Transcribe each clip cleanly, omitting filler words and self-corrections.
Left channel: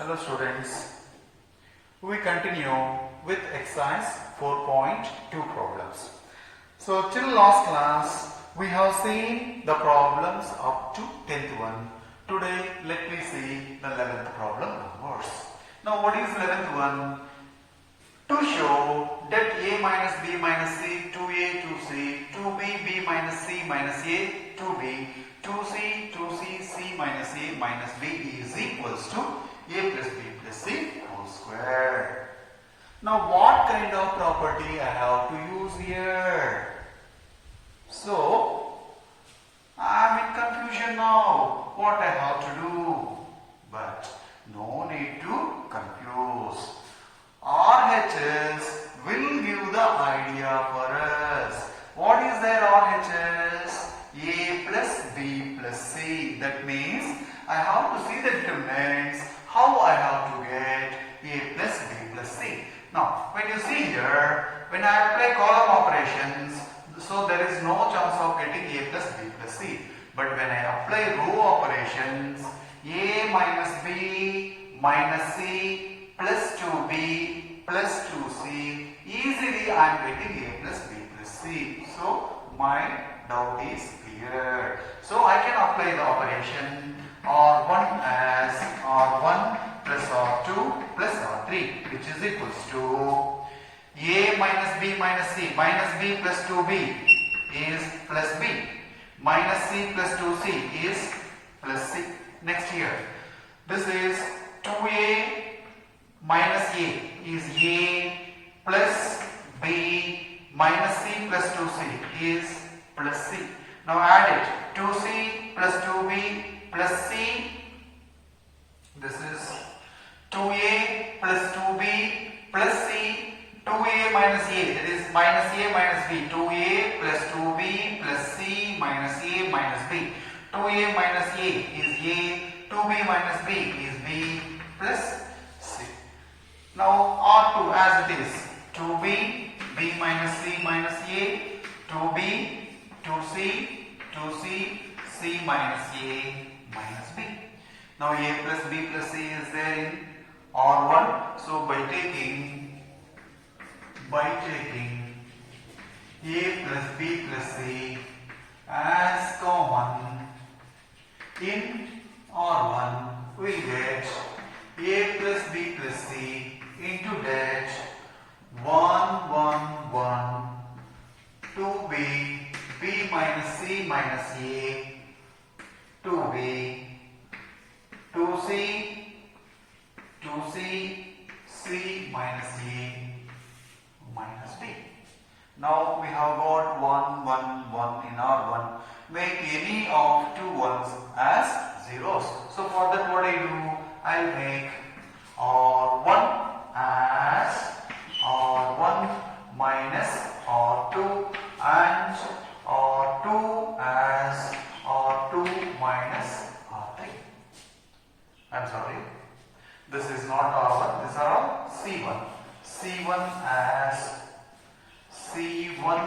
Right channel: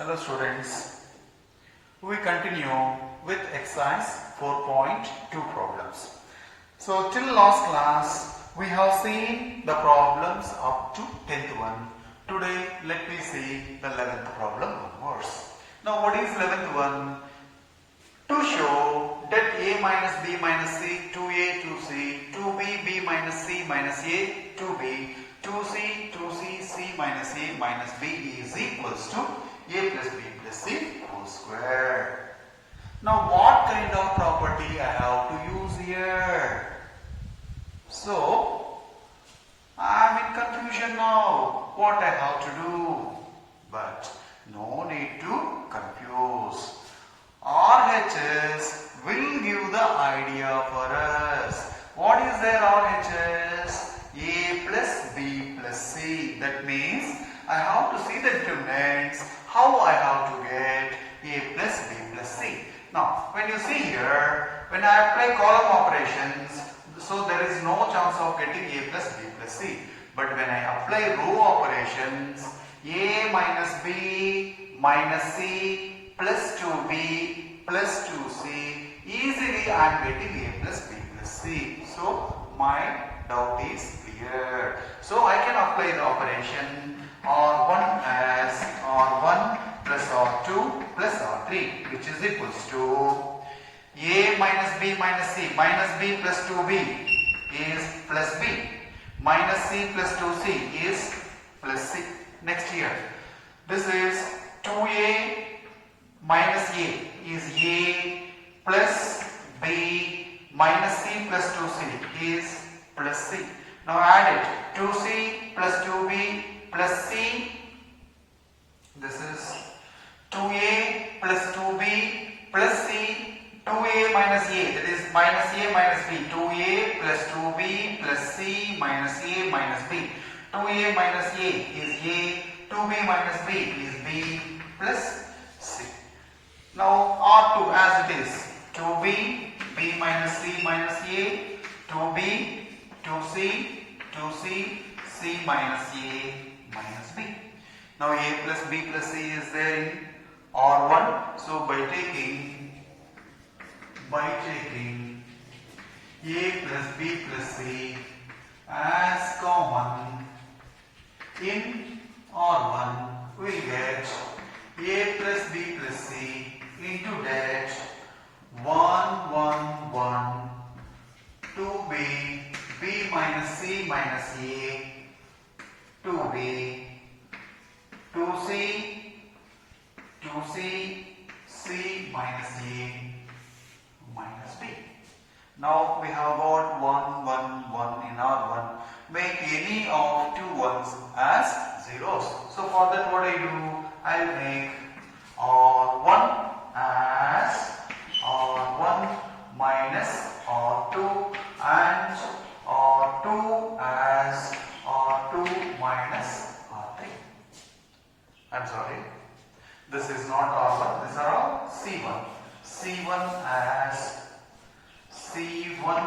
Hello students, we continue with exercise 4.2 problems. So till last class we have seen the problems up to 10th one. Today let me see the 11th problem onwards. Now what is 11th one? To show that a minus b minus c, 2a, 2c, 2b, b minus c minus a, 2b, 2c, 2c, c minus a minus b is equals to a plus b plus c whole square. Now what kind of property I have to use here? So I am in confusion now what I have to do. But no need to confuse. RHS will give the idea for us. What is their RHS? A plus B plus C. That means I have to see the determinants, how I have to get A plus B plus C. Now, when you see here, when I apply column operations, so there is no chance of getting A plus B plus C. But when I apply row operations, A minus B minus C plus 2b plus 2c, easily I am getting a plus b plus c. So my doubt is cleared. So I can apply the operation R1 as R1 plus R2 plus R3, which is equals to a minus b minus c minus b plus 2b is plus b minus c plus 2c is plus c. Next here, this is 2a minus a is a plus b minus c plus 2c is plus c. Now add it, 2c plus 2b plus c, this is 2a plus 2b plus c, 2a minus a, that is minus a minus b, 2a plus 2b plus c minus a minus b, 2a minus a is a, 2b minus b is b plus c. Now R2 as it is 2b, b minus c minus a, 2b, 2c, 2c, c minus a minus b. Now a plus b plus c is there in R1. So by taking a plus b plus c as common in R1, we get a plus b plus c into that 1, 1, 1, 2b, b minus c minus a, 2b, 2c, 2c, c minus a minus b. Now we have got 1, 1, 1 in R1. Make any of two ones as zeros. So for that what I do? I will make R1 as R1 minus R2 and R2 as R2 minus R3. I'm sorry, this is not R1, these are all C1. C1 as C1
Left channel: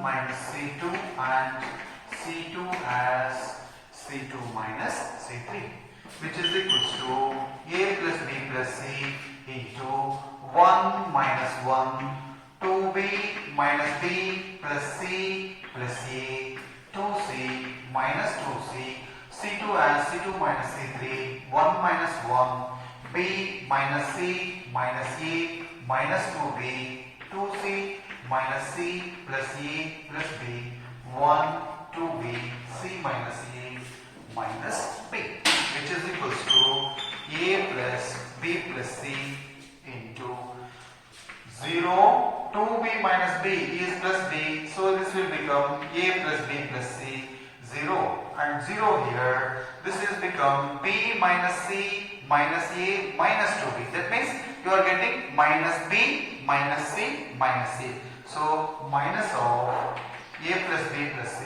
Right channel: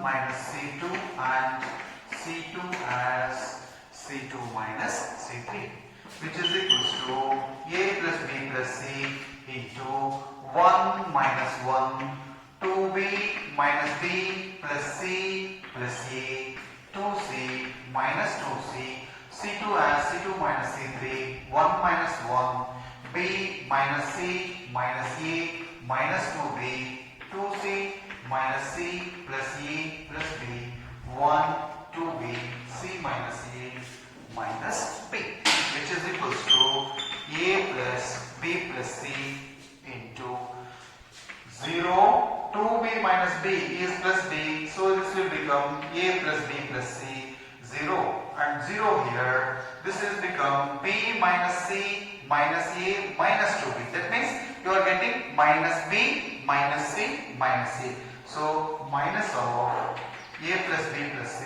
minus C2 and C2 as C2 minus C3, which is equals to a plus b plus c into 1 minus 1, 2b minus b plus c plus a, 2c minus 2c, c2 as c2 minus c3, 1 minus 1, b minus c minus a minus 2b, 2c minus c plus a plus b, 1, 2b, c minus a minus b, which is equals to a plus b plus c into 0, 2b minus b is plus b, so this will become a plus b plus c, 0 and 0 here, this is become b minus c minus a minus 2b. That means you are getting minus b minus c minus a. So minus of a plus b plus c,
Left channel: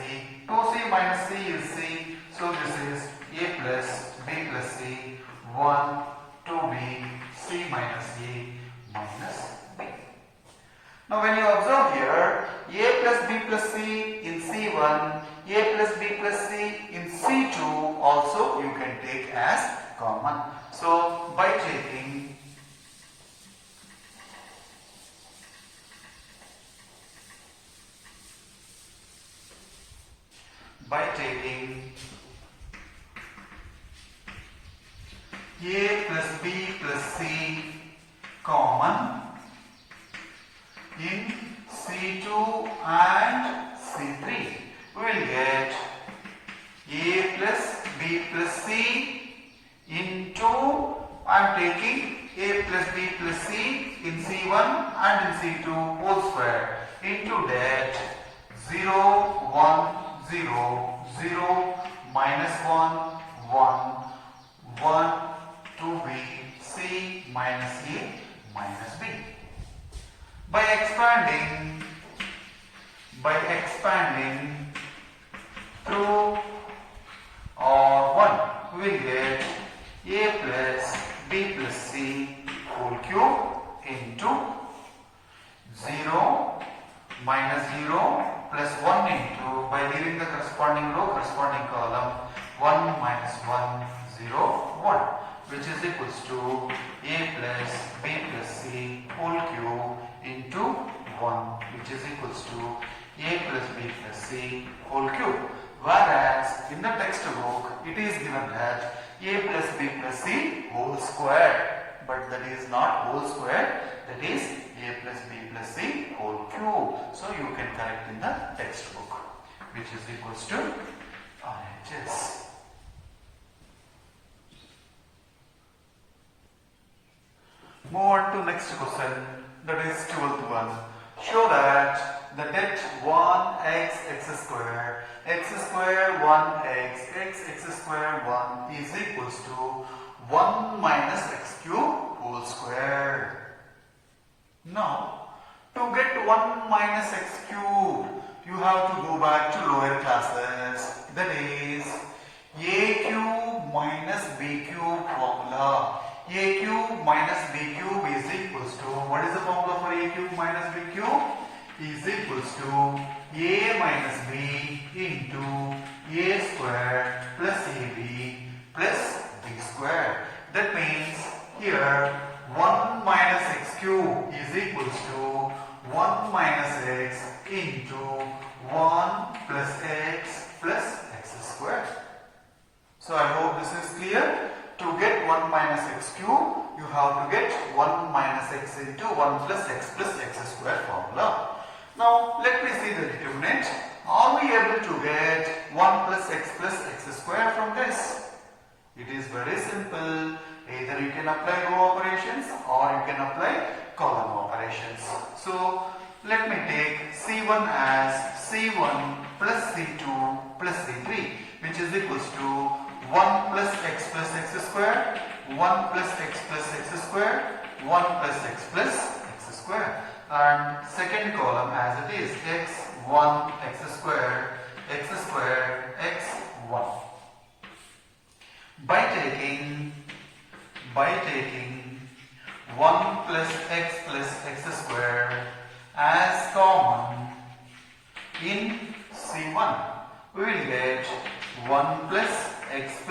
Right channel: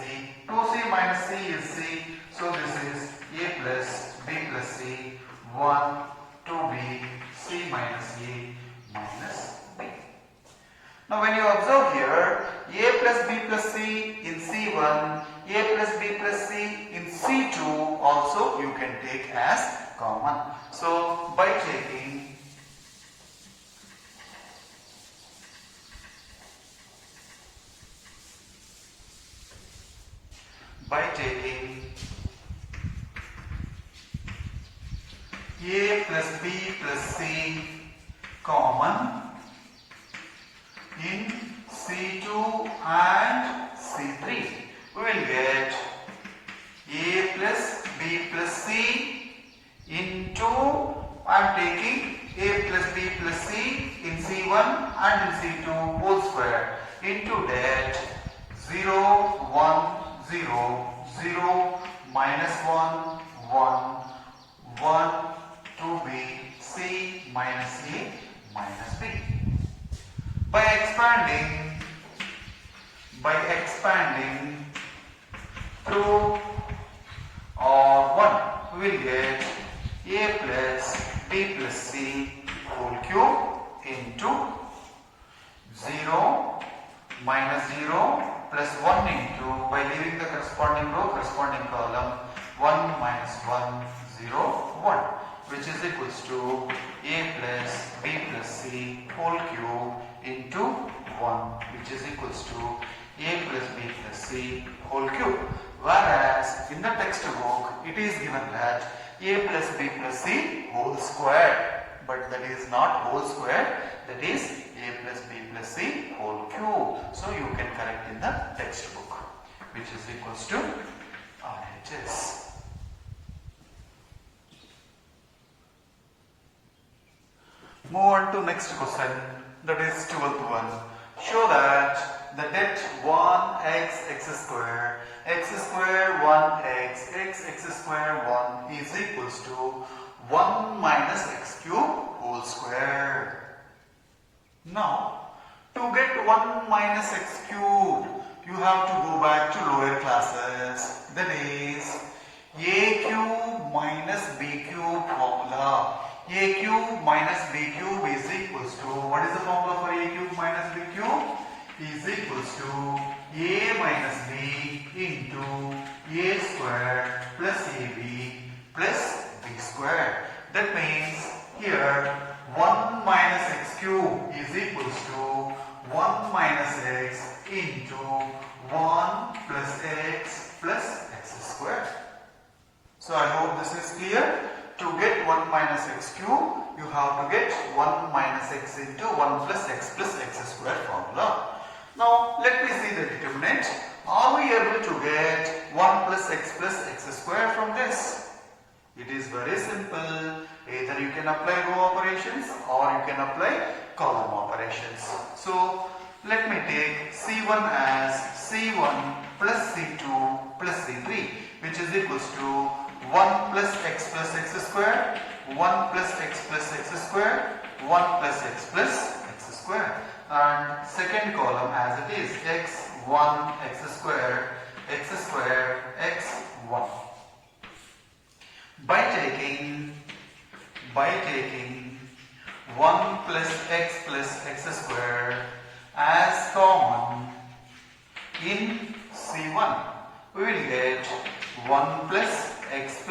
2c minus c is c, so this is a plus b plus c, 1, 2b, c minus a minus b. Now when you observe here, a plus b plus c in C1, a plus b plus c in C2 also you can take as common. So by taking a plus b plus c common in C2 and C3, we will get a plus b plus c into, I am taking a plus b plus c in C1 and in C2 whole square into that 0, 1, 0, 0, minus 1, 1, 1, 2b, c minus a minus b. By expanding through or 1, we will get a plus b plus c whole cube into 0 minus 0 plus 1 into, by leaving the corresponding row, corresponding column, 1 minus 1, 0, 1, which is equals to a plus b plus c whole cube into 1, which is equals to a plus b plus c whole cube. Whereas in the textbook it is given that a plus b plus c whole square, but that is not whole square, that is a plus b plus c whole cube. So you can correct in the textbook, which is equals to RHS. Move on to next question, that is 12th one. Show that the det 1x x square 1x x square 1 is equals to 1 minus x cube whole square. Now, to get 1 minus x cube, you have to go back to lower classes. That is a cube minus b cube formula. A cube minus b cube is equals to, what is the formula for a cube minus b cube? Is equals to a minus b into a square plus ab plus b square. That means here 1 minus x cube is equals to 1 minus x into 1 plus x square. So I hope this is clear. To get 1 minus x cube, you have to get 1 minus x into 1 plus x square formula. Now let me see the determinant. Are we able to get 1 plus x square from this? It is very simple. Either you can apply row operations or you can apply column operations. So let me take C1 as C1 plus C2 plus C3, which is equals to 1 plus x square, 1 plus x square, 1 plus x square. And second column as it is x1 x square, x1. By taking 1 plus x square as common in C1, we will get 1 plus x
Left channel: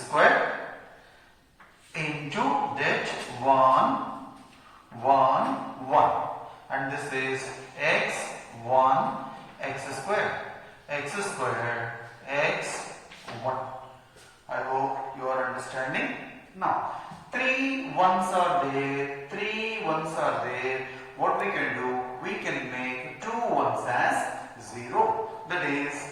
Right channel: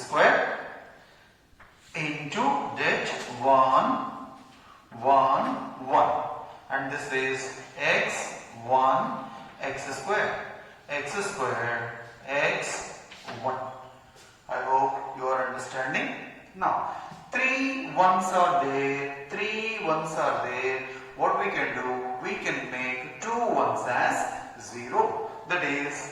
square into that 1, 1, 1, and this is x1 x square, x1. I hope you are understanding. Now 3 1s are there, what we can do, we can make 2 1s as 0, that is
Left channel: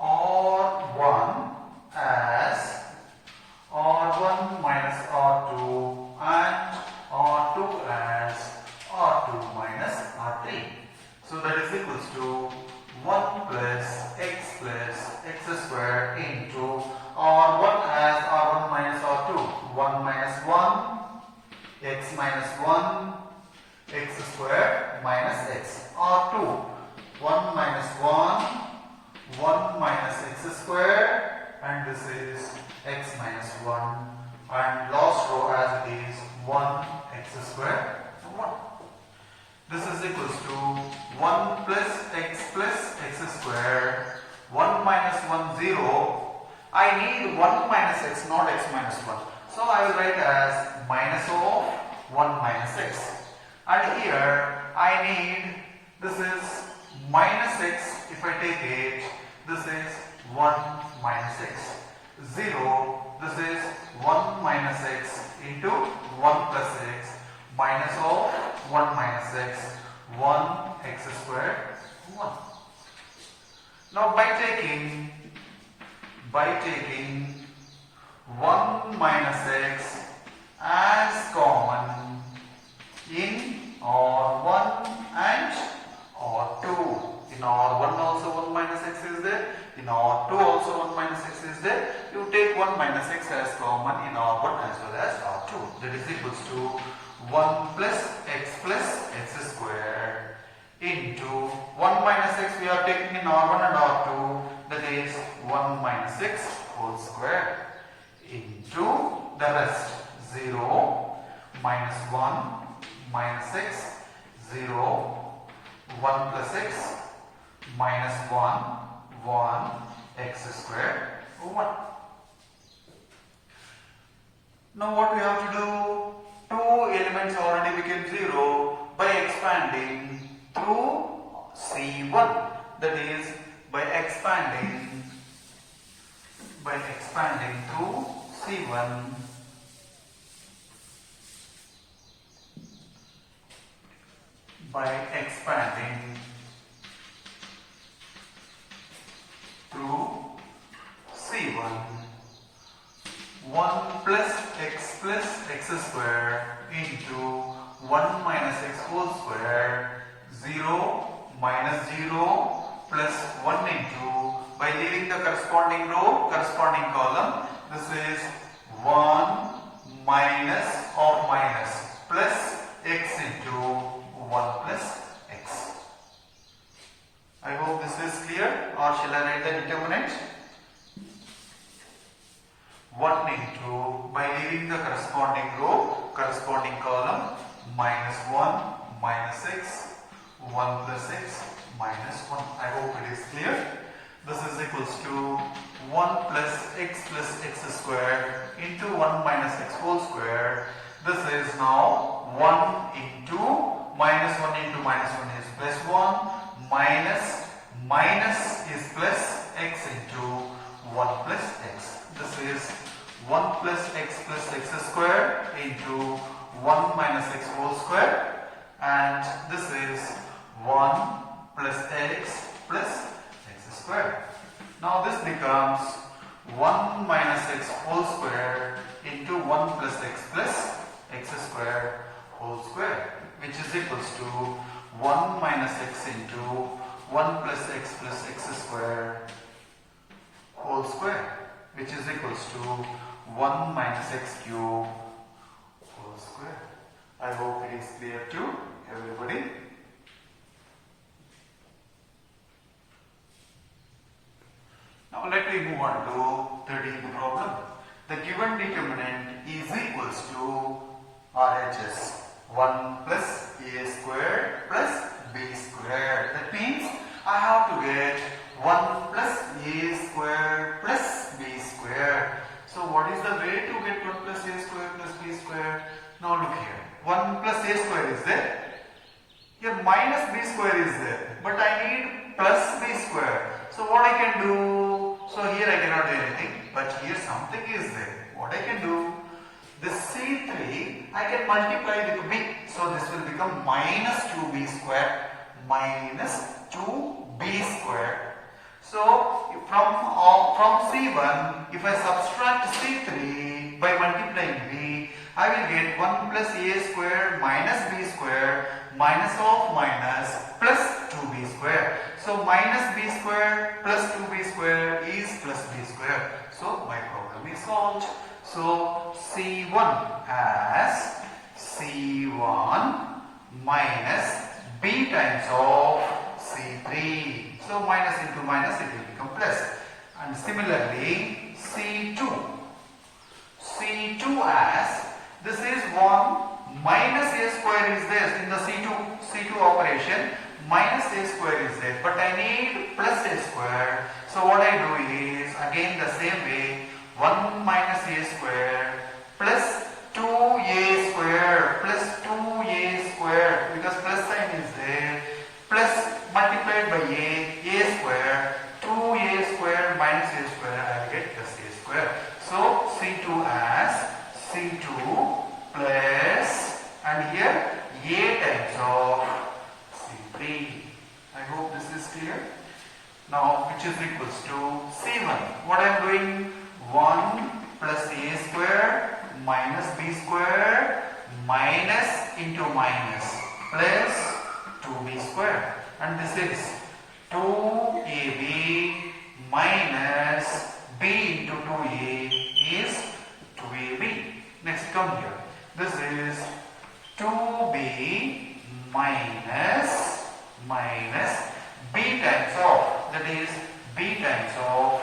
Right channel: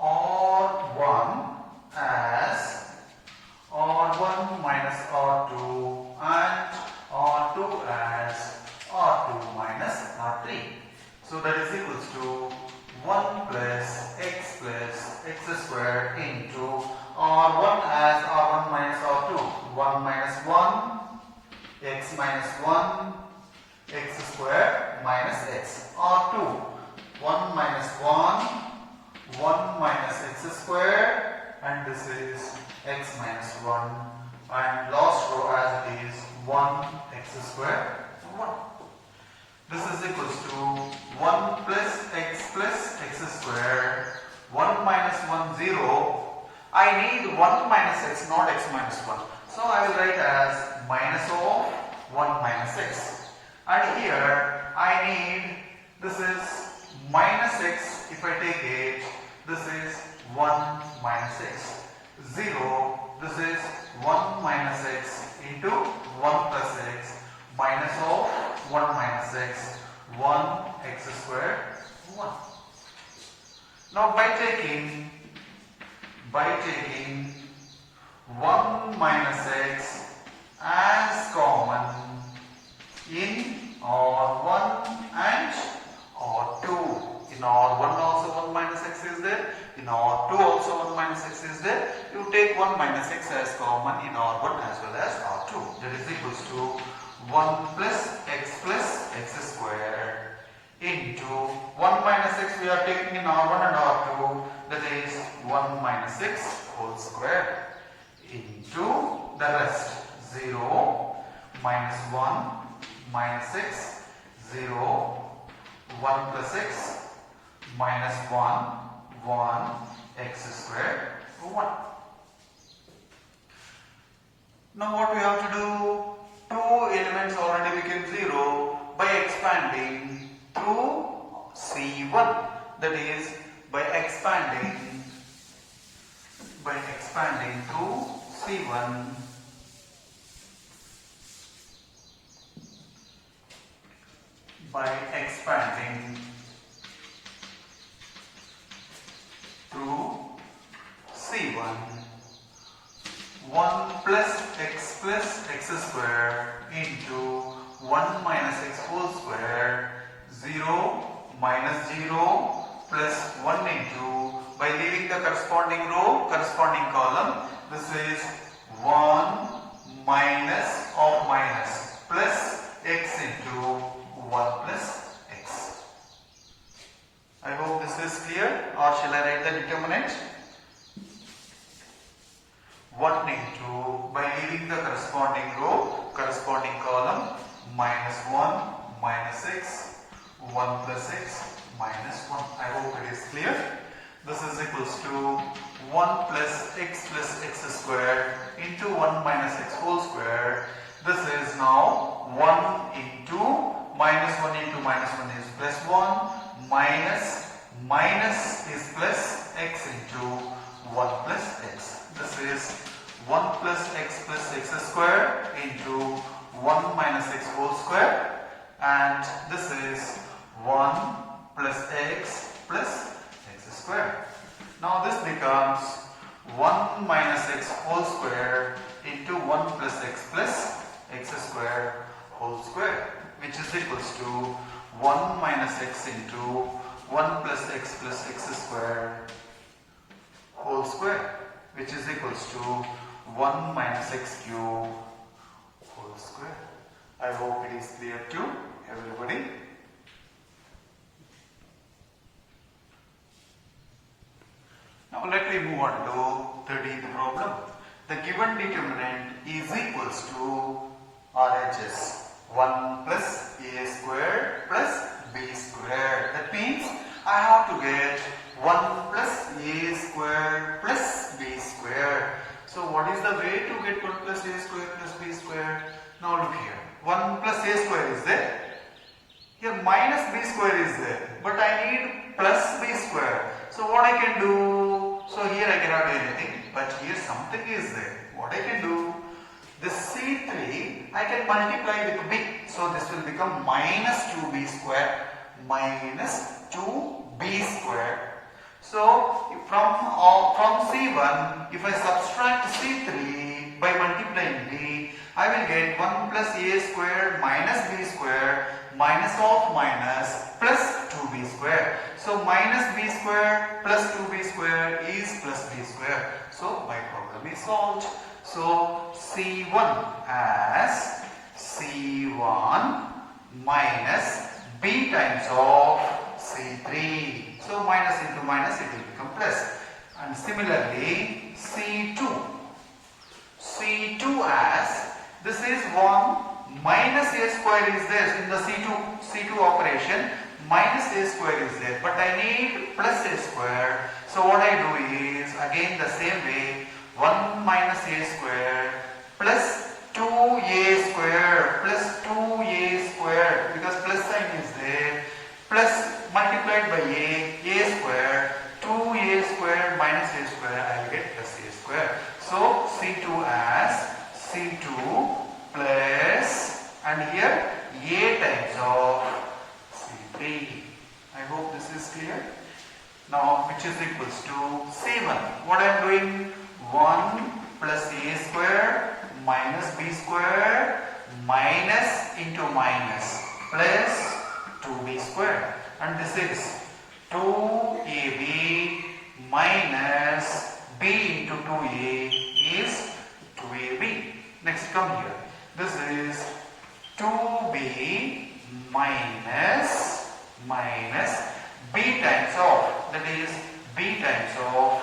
R1 as R1 minus R2 and R2 as R2 minus R3. So that is equals to 1 plus x square into R1 as R1 minus R2. 1 minus 1, x minus 1, x square minus x. R2, 1 minus 1, 1 minus x square, and this is x minus 1, and last row as it is 1 x square 1. This is equals to 1 plus x square 1 minus 1 0. I need 1 minus x, not x minus 1. So I will write as minus of 1 minus x. And here I need, this is minus x, if I take it, this is 1 minus x. 0, this is 1 minus x into 1 plus x minus of 1 minus x, 1 x squared 1. Now by taking 1 minus x as common in R1 and R2. In R1 also 1 minus x is there. In R2 also 1 minus x is there. You take 1 minus x as common in R1 as well as R2. That is equals to 1 plus x square into 1 minus x we are taking in R1 and R2, that is 1 minus x whole square into the rest 0 minus 1 minus x 0 1 plus x minus 1 1 x squared 1. Now what we have to do? Two elements already became 0 by expanding through C1, that is by expanding through C1 by expanding through C1 1 plus x square into 1 minus x whole square 0 minus 0 plus 1 into, by leaving the corresponding row, corresponding column, this is 1 minus of minus plus x into 1 plus x. I hope this is clear, or shall I write the determinant? 1 into, by leaving the corresponding row, corresponding column, minus 1 minus x 1 plus x minus 1. I hope it is clear. This is equals to 1 plus x squared into 1 minus x whole square. This is now 1 into minus 1 into minus 1 is plus 1 minus is plus x into 1 plus x. This is 1 plus x squared into 1 minus x whole square, and this is 1 plus x squared. Now this becomes 1 minus x whole square into 1 plus x squared whole square, which is equals to 1 minus x into 1 plus x squared whole square, which is equals to 1 minus x cube whole square. I hope it is clear to everybody. Now let me move on to 13th problem. The given determinant is equals to RHS 1 plus a squared plus b squared. That means I have to get 1 plus a squared plus b squared. So what is the way to get 1 plus a squared plus b squared? Now look here. 1 plus a squared is there. Here minus b squared is there. But I need plus b squared. So what I can do? So here I cannot do anything. But here something is there. What I can do? This C3 I can multiply with b. So this will become minus 2b squared minus 2b squared. So from C1, if I subtract C3 by multiplying b, I will get 1 plus a squared minus b squared minus of minus plus 2b squared. So minus b squared plus 2b squared is plus b squared. So my problem is solved. So C1 as C1 minus b times of C3. So minus into minus it will become plus. And similarly C2. C2 as this is 1 minus a square is there in the C2 operation. Minus a square is there, but I need plus a square. So what I do is again the same way, 1 minus a square plus 2a square plus 2a square, because plus sign is there, plus multiplied by a square, 2a square minus a square, I get plus a square. So C2 as C2 plus, and here a times of C3. I hope this is clear. Now which is equals to C1. What I am doing? 1 plus a square minus b square minus into minus plus 2b square, and this is 2ab minus b into 2a is 2ab. Next come here. This is 2b minus b times of, that is b times of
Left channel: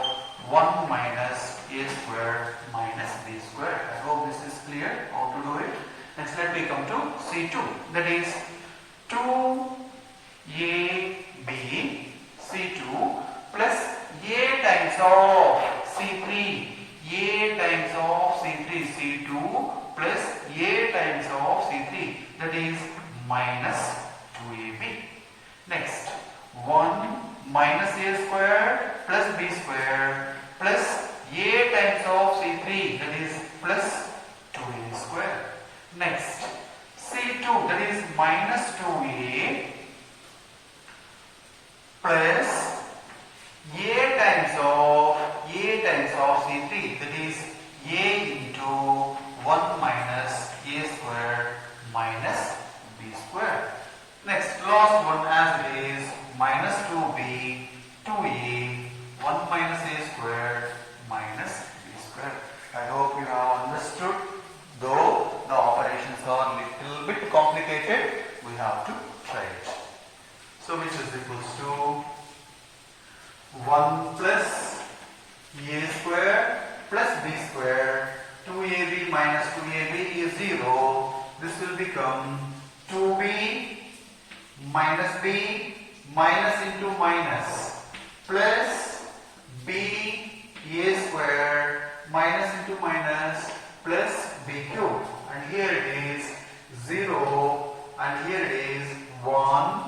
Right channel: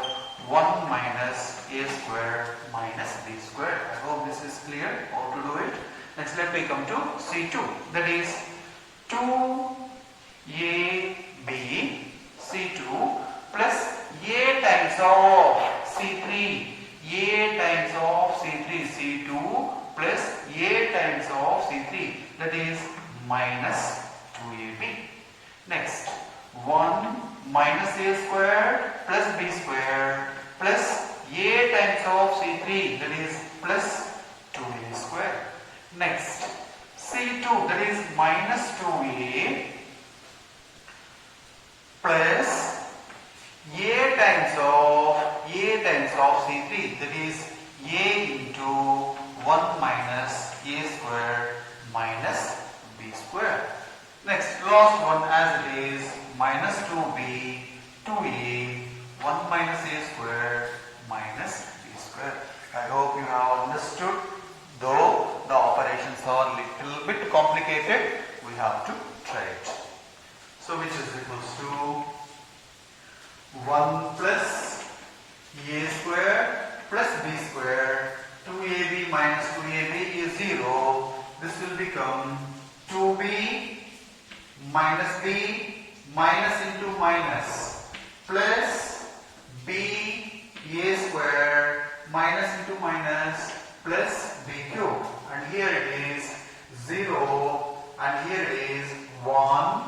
1 minus a square minus b square. I hope this is clear how to do it. Next let me come to C2, that is 2ab C2 plus a times of C3, a times of C3, C2 plus a times of C3, that is minus 2ab. Next 1 minus a square plus b square plus a times of C3, that is plus 2a square. Next C2, that is minus 2a plus a times of C3, that is a into 1 minus a square minus b square. Next last one as it is minus 2b 2a 1 minus a square minus b square. I hope you have understood. Though the operations are little bit complicated, we have to try it. So which is equals to 1 plus a square plus b square, 2ab minus 2ab is 0. This will become 2b minus b minus into minus plus b a square minus into minus plus b cube, and here it is 0 and here it is 1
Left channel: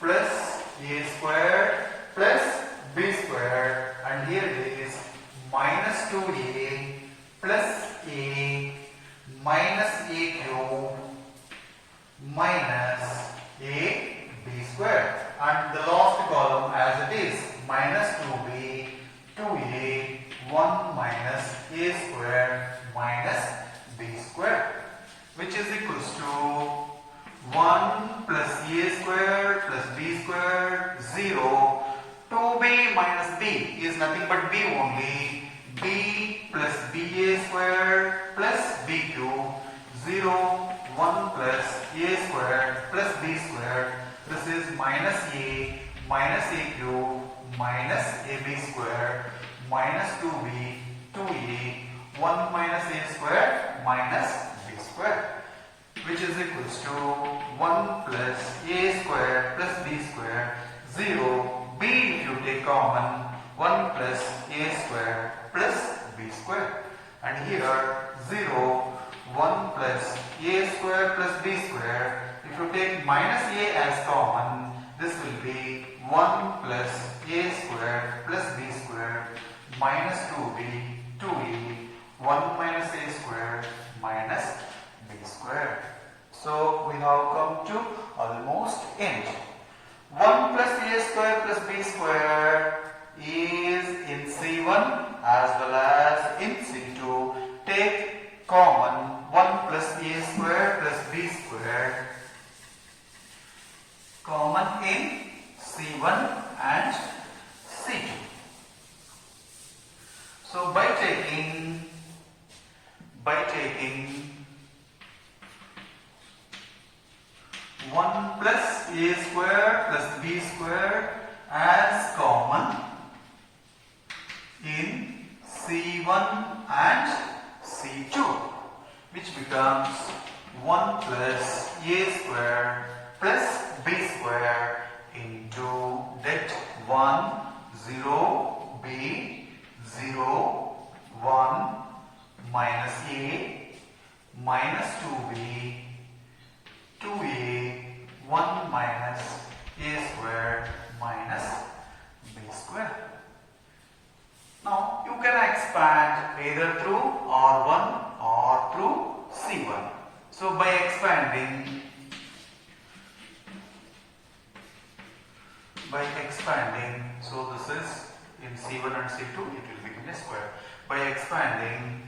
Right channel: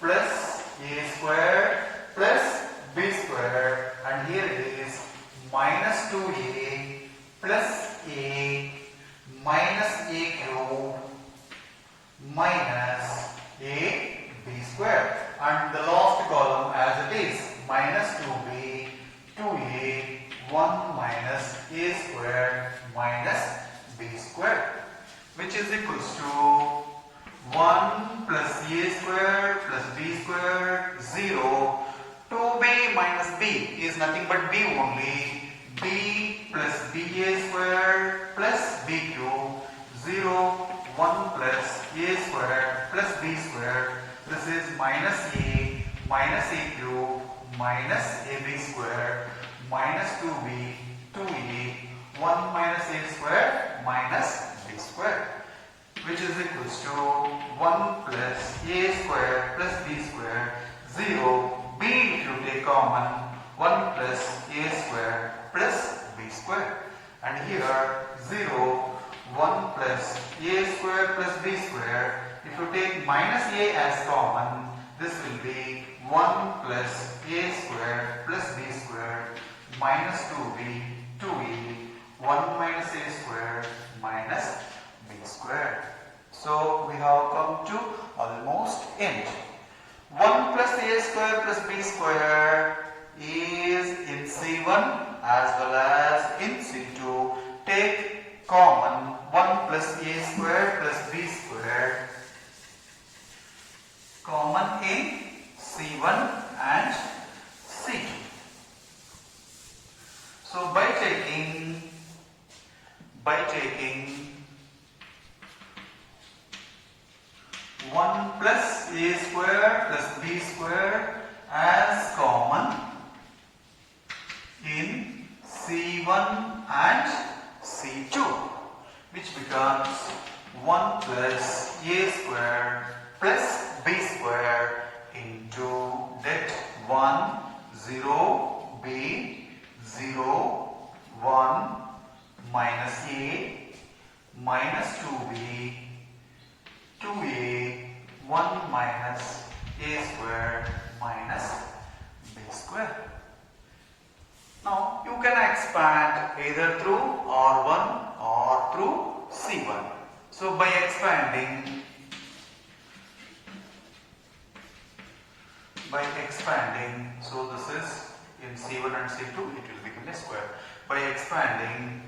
plus a square plus b square, and here it is minus 2a plus a minus a cube minus a b square, and the last column as it is minus 2b 2a 1 minus a square minus b square, which is equals to 1 plus a square plus b square 0. 2b minus b is nothing but b only. b plus ba square plus b cube 0 1 plus a square plus b square. This is minus a cube minus ab square minus 2b 2a 1 minus a square minus b square, which is equals to 1 plus a square plus b square 0. b if you take common 1 plus a square plus b square, and here 0 1 plus a square plus b square. If you take minus a as common, this will be 1 plus a square plus b square minus 2b 2a 1 minus a square minus b square. So we have come to almost end. 1 plus a square plus b square is in C1 as well as in C2. Take common 1 plus a square plus b square common in C1 and C2. So by taking 1 plus a square plus b square as common in C1 and C2, which becomes 1 plus A square plus B square into that 1, 0, B, 0, 1 minus A minus 2B, 2A, 1 minus A square minus B square. Now you can expand either through R1 or through C1. So by expanding, so this is in C1 and C2, it will become a square. By expanding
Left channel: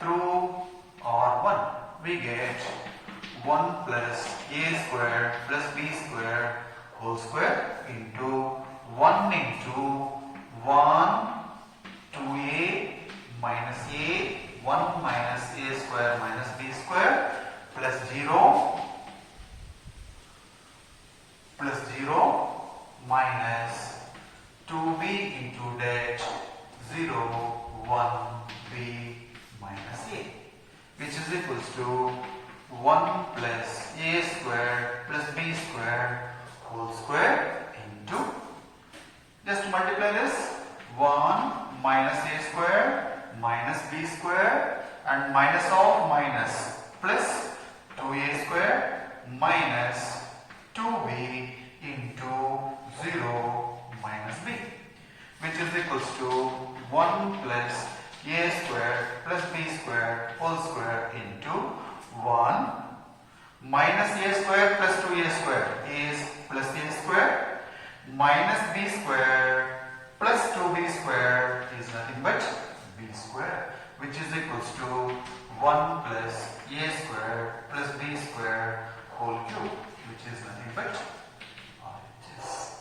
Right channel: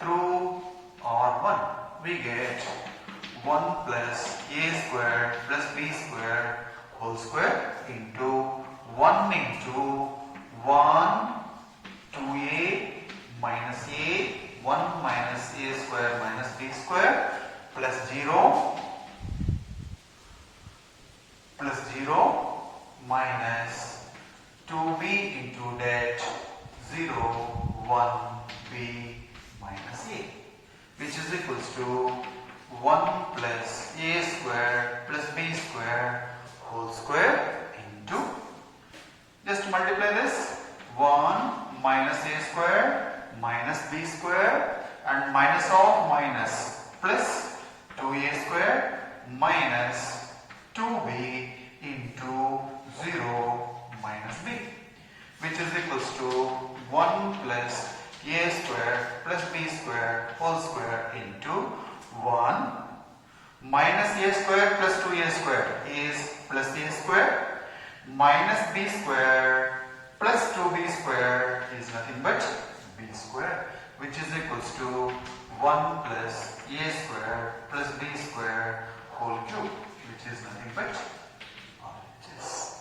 through R1, we get 1 plus A square plus B square whole square into 1 into 1, 2A minus A, 1 minus A square minus B square plus 0 minus 2B into that 0, 1B minus A, which is equals to 1 plus A square plus B square whole square into, just multiply this, 1 minus A square minus B square and minus of minus plus 2A square minus 2B into 0 minus B, which is equals to 1 plus A square plus B square whole square into 1 minus A square plus 2A square is plus A square minus B square plus 2B square is nothing but B square, which is equals to 1 plus A square plus B square whole cube, which is nothing but RHS.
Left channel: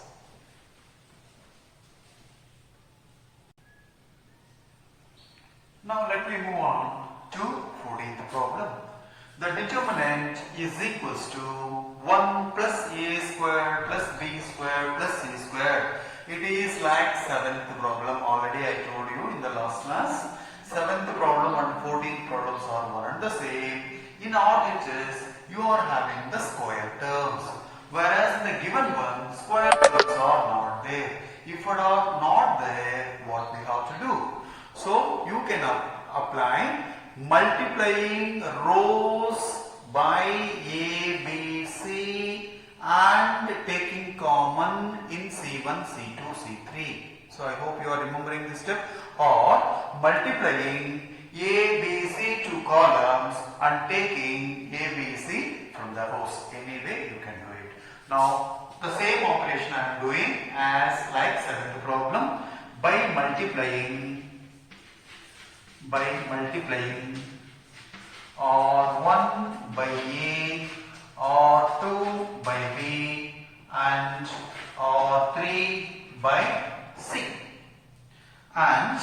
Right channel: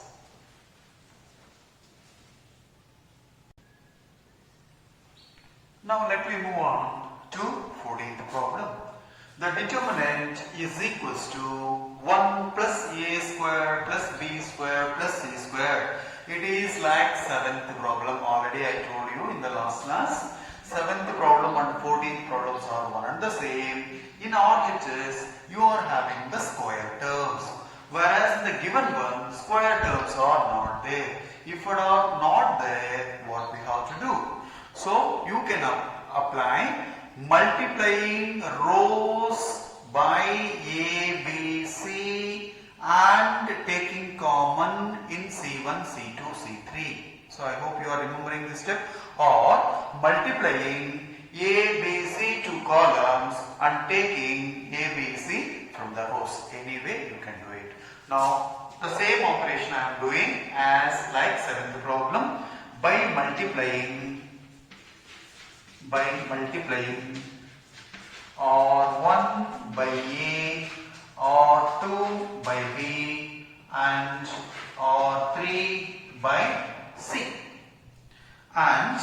Now let me move on to 14th problem. The determinant is equals to 1 plus A square plus B square plus C square. It is like 7th problem. Already I told you in the last class. 7th problem and 14th problems are one and the same. In RHS, you are having the square terms. Whereas in the given one, square terms are not there. If it are not there, what we have to do? So you can apply multiplying rows by A, B, C and taking common in C1, C2, C3. So I hope you are remembering this step. Or multiplying A, B, C two columns and taking A, B, C from the rows. Any way you can do it. Now the same operation I am doing as like 7th problem by multiplying R1 by A, R2 by B and R3 by C, and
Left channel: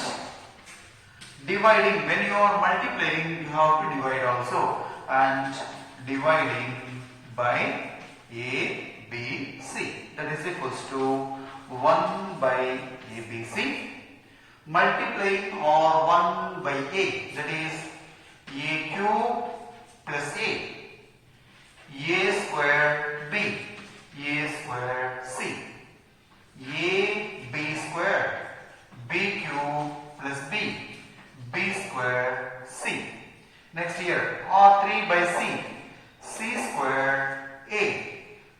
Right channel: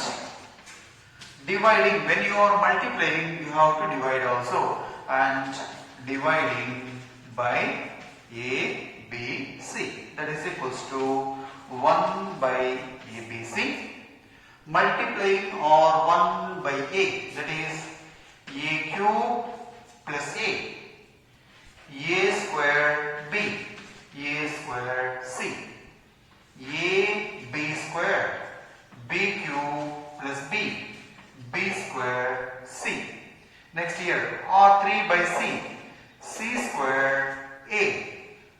dividing, when you are multiplying you have to divide also, and dividing by A, B, C, that is equals to 1 by A, B, C, multiplying R1 by A, that is A cube plus A square B, A square C, A B square, B cube plus B square C. Next here, R3 by C square A,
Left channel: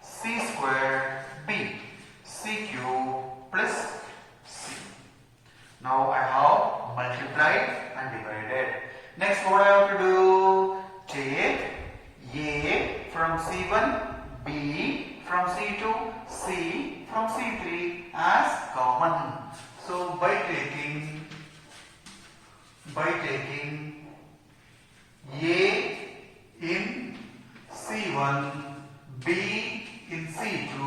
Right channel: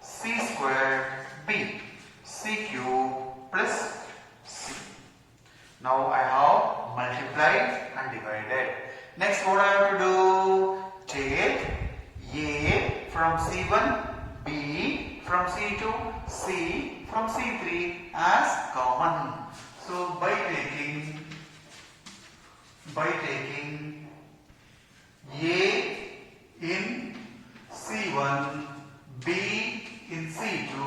C square B, C cube plus C. Now I have multiplied and divided. Next what I have to do? Take A from C1, B from C2, C from C3 as common. So by taking A in C1, B in C2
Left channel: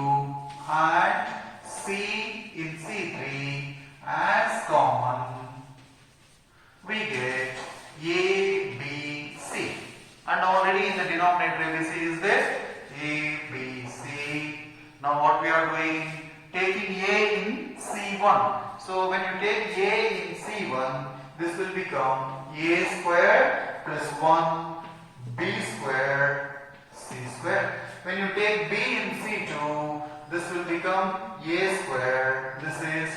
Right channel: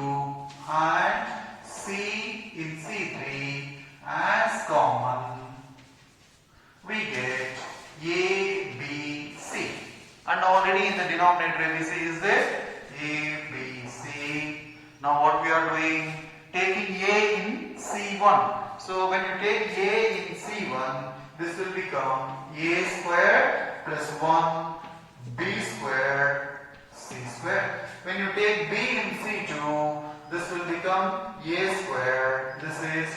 and C in C3 as common, we get A, B, C. And already in the denominator ABC is there. A, B, C. Now what we are doing? Taking A in C1. So when you take A in C1, this will become A square plus 1 B square C square. When you take B in C2, this will become A square. This is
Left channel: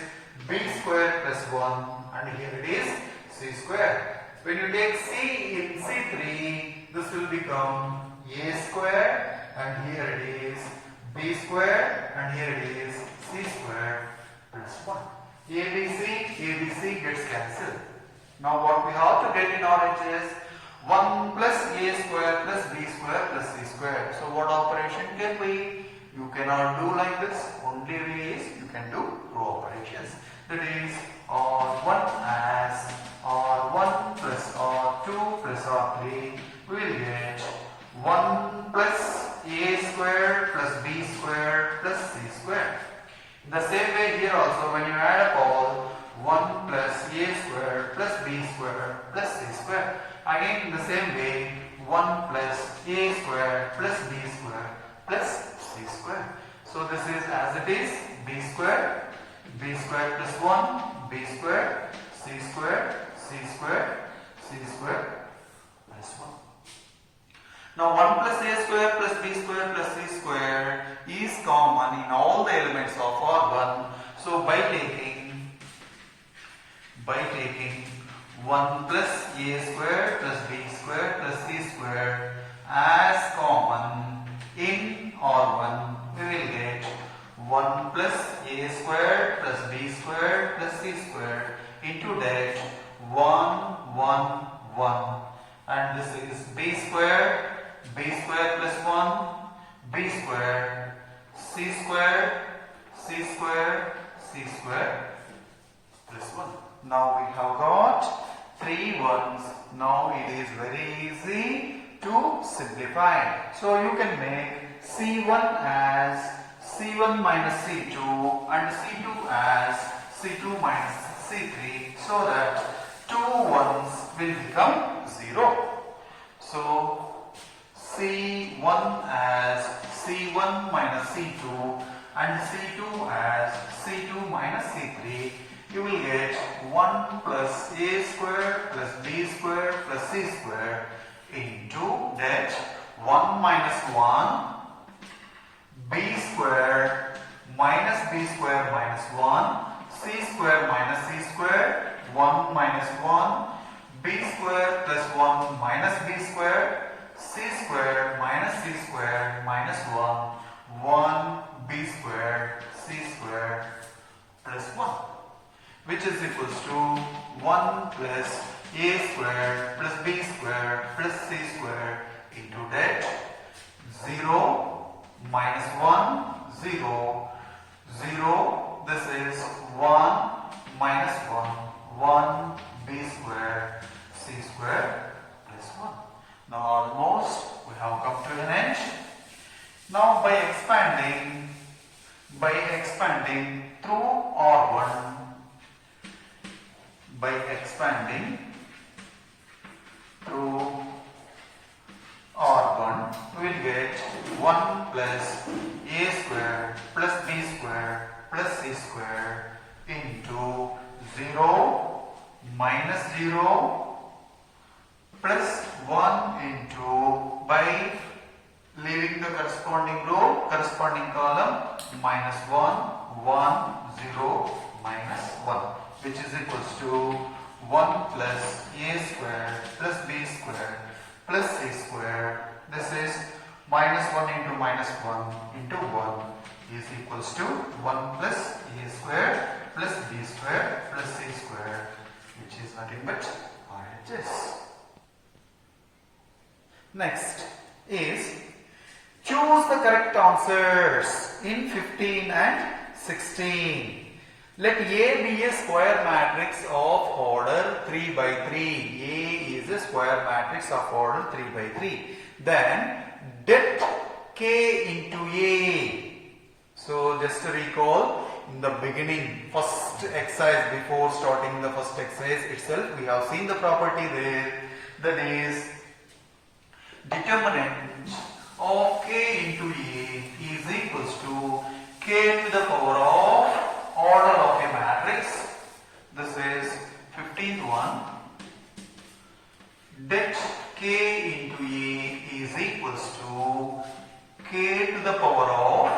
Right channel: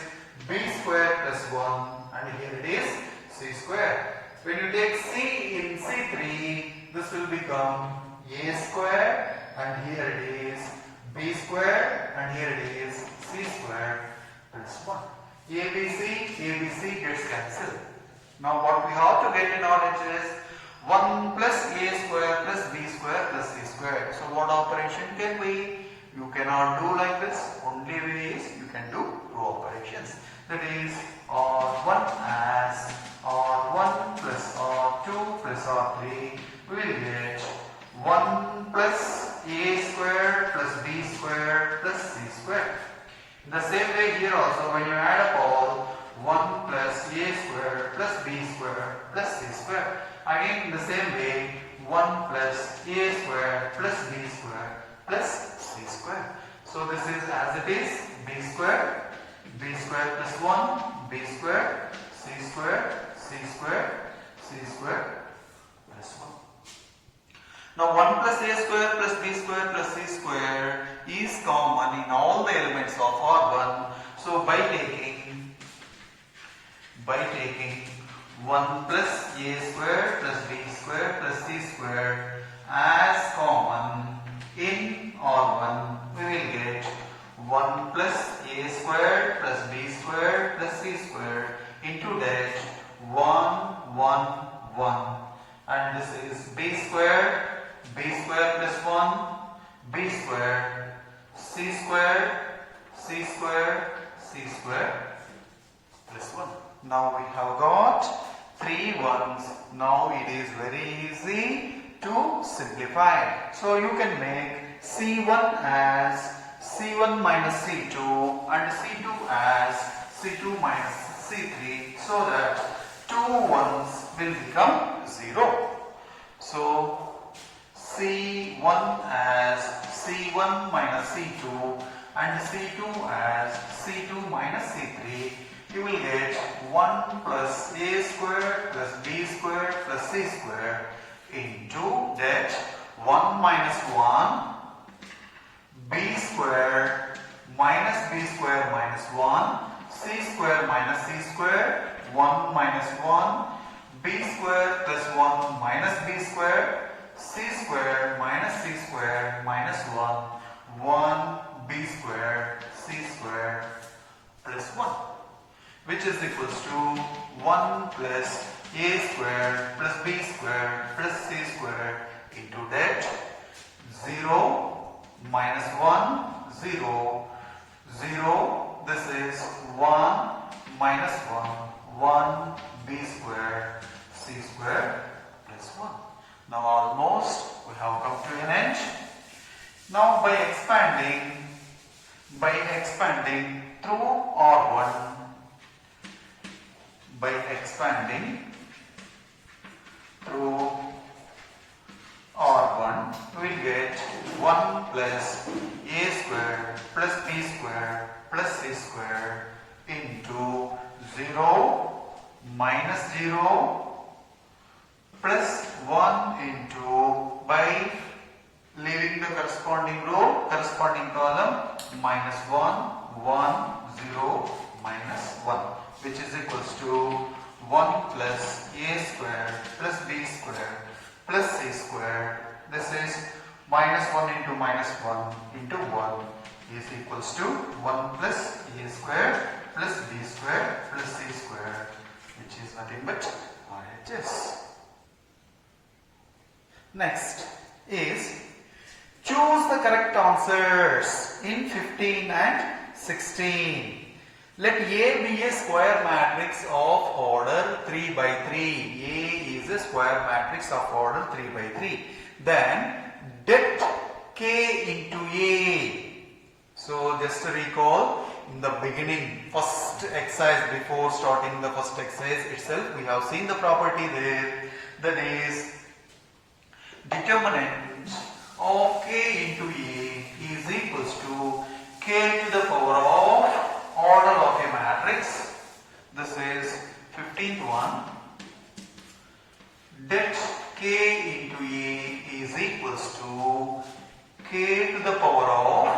B square plus 1 and here it is C square. When you take C in C3, this will become A square and here it is B square and here it is C square plus 1. ABC gets cancelled. Now what we have to get in RH is 1 plus A square plus B square plus C square. So what operation can be? You cannot do like this. Only way is you can do two operations. That is R1 as R1 plus R2 plus R3. We will get 1 plus A square plus B square plus C square. In the same way here also, when you add up all 1 plus A square plus B square plus C square. Again in the same way 1 plus A square plus B square plus C square. So this is as it is B square plus 1 B square C square plus 1. Now 1 plus A square plus B square plus C square is common in all the elements of R1. So by taking 1 plus A square plus B square plus C square as common in R1, we will get 1 plus A square plus B square plus C square into that 1 and this is B square plus 1 B square C square plus 1. Now we have got 3 ones. Now it is very easy to simplify. So you can make C1 as C1 minus C2 and C2 as C2 minus C3 so that 2 ones will become 0. So C1 as C1 minus C2 and C2 as C2 minus C3, you will get 1 plus A square plus B square plus C square into that 1 minus 1 B square minus B square minus 1 C square minus C square 1 minus 1 B square plus 1 minus B square C square minus C square minus 1 B square C square plus 1, which is equals to 1 plus A square plus B square plus C square into that 0 minus 1 0 0, this is 1 minus 1 B square C square plus 1. Now almost we have come to an end. Now by expanding through R1, we will get 1 plus A square plus B square plus C square into 0 minus 0 plus 1 into, by leaving the corresponding row, corresponding column, minus 1 0 minus 1, which is equals to 1 plus A square plus B square plus C square. This is minus 1 into minus 1 into 1 is equals to 1 plus A square plus B square plus C square, which is nothing but RHS. Next is choose the correct answers in 15 and 16. Let A be a square matrix of order 3 by 3. A is a square matrix of order 3 by 3. Then det K into A. So just to recall, in the beginning, first exercise, before starting the first exercise itself, we have seen the property there, that is determinant of K into A is equals to K to the power of order of a matrix to the power of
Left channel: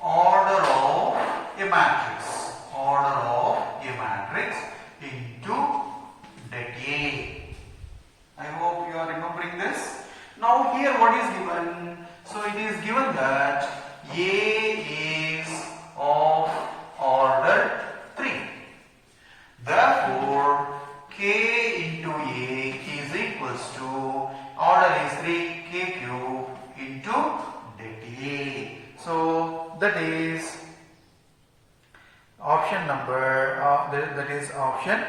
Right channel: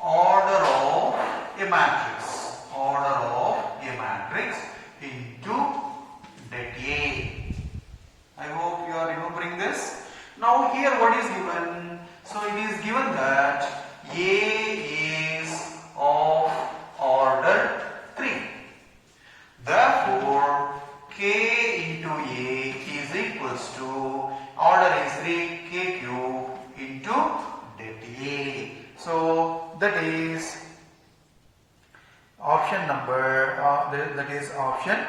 order of a matrix. Order of a matrix into det A. I hope you are remembering this. Now here what is given? So it is given that A is of order 3. Therefore, K into A is equals to order is 3 K cube into det A. So that is option number that is option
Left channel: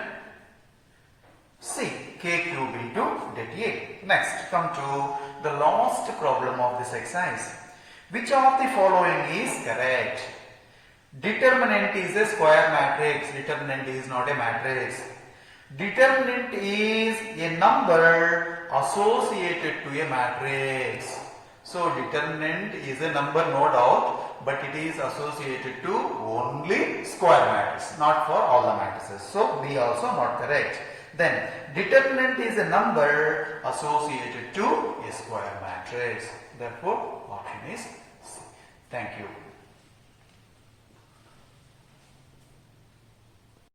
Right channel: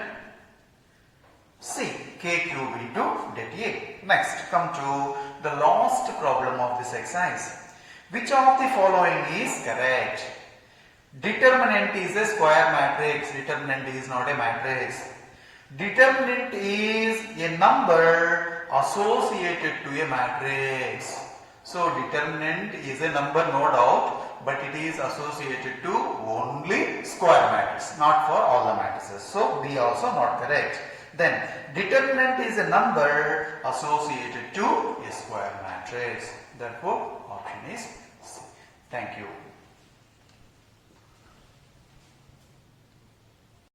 C, K cube into det A. Next, come to the last problem of this exercise. Which of the following is correct? Determinant is a square matrix. Determinant is not a matrix. Determinant is a number associated to a matrix. So determinant is a number, no doubt, but it is associated to only square matrix, not for all the matrices. So B also not correct. Then determinant is a number associated to a square matrix. Therefore option is C. Thank you.